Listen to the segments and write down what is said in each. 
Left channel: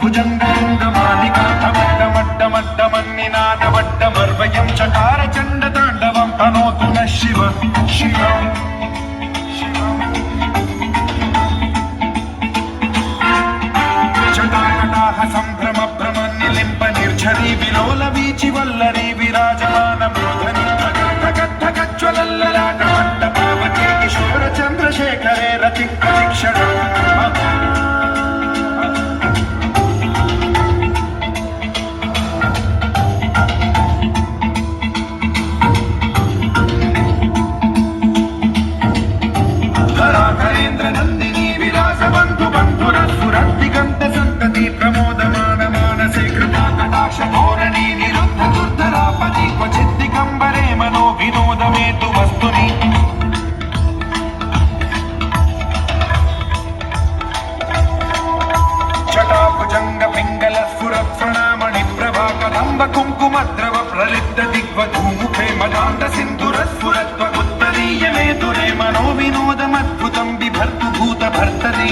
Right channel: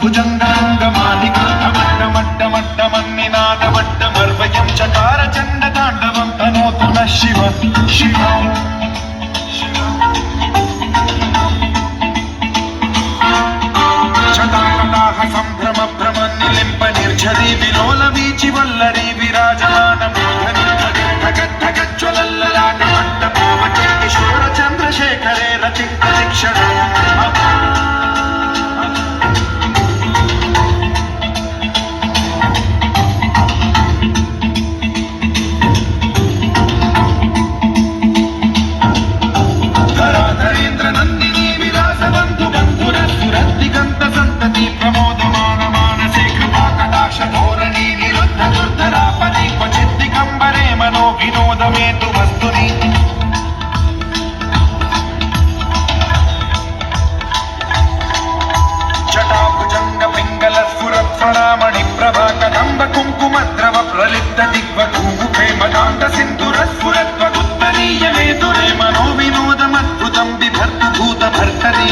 भुजङ्गाङ्गमालिकामट्टमट्टमट्टमन्निनादमट्टमर्वयं चकारचण्डताण्डवं तनोतु नः शिव शिवम् चकाकटाह सम्भ्रमभ्रमन्निलिम्प निर्झरी विलोलवीचि वल्लरी विराजमानमूर्धनि धगद्धगज्ज्वलल्ललाटमट्टपावके किशोरचन्द्रशेखरे रति प्रतिक्षणम् विनोदमेतु वस्तुनि जटाभुजंग पिंगल स्फुरत्फणामणि प्रभा कदंब कुंकुमद्रव प्रलिप्त दिग्वधूमुखे मदान्त सिंधुर स्फुरत्वगुत्तरीय मेतुरे मनो विनोदमद्भुतं बिभर्तु भूत भर्तरि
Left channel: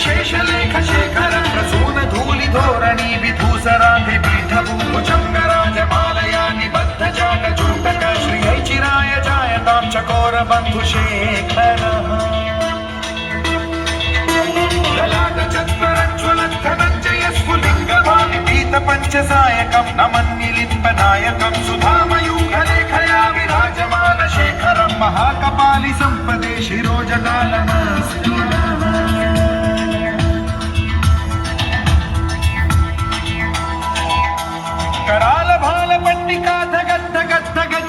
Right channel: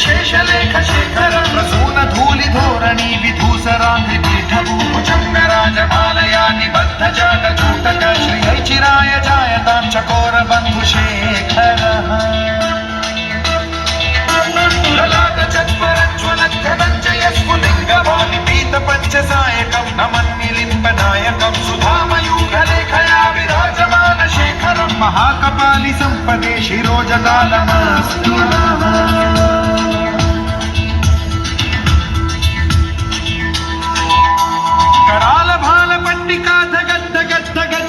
शेषलेख शेखर प्रसून धूलि धोरणी विधूसरांघ्रि पीठभूभुजङ्गराजमालया निबद्ध जागजूटक श्रियै चिराय जायतां चकोर बन्धुशेखरः ललाट चत्वरज्ज्वलद्धनञ्जय स्फुलिङ्गभावि पीतपञ्चसायकं नमन्निलिम्बनायकं सुधामयूखलेखया विराजमान शेखरं महाकपालि सम्पदे शिरोजकालमस्तु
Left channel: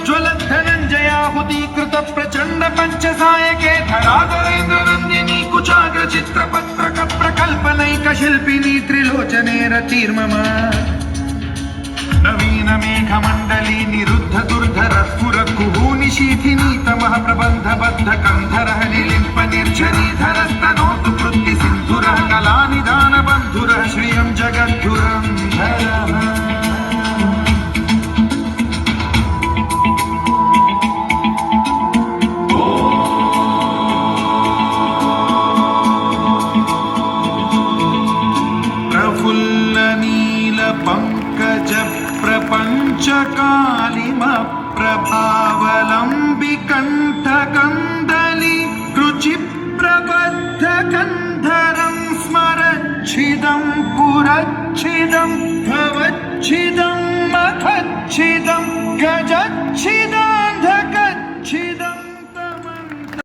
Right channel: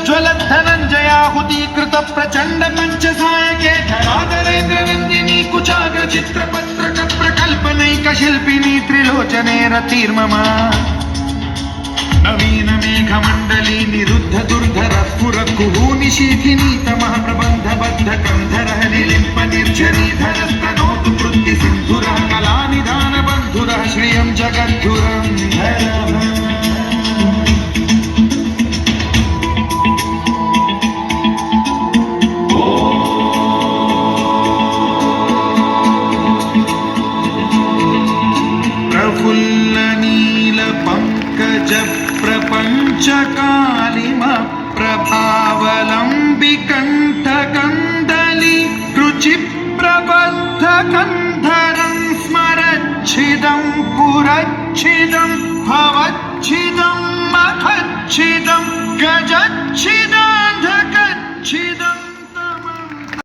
ज्वलद्धनञ्जयाहुतीकृत प्रचण्ड पञ्चसायके धराधरेन्द्र नन्दिनी कुचाग्र चित्रपत्रक प्रकल्पनैक शिल्पिनी त्रिलोचने रतिर्मम नवीन मेघमण्डली निरुद्ध दुर्धर स्फुर कुहूनि शीथिनी तमः प्रबन्ध बद्ध कन्धरः निलिम्प निर्झरी धर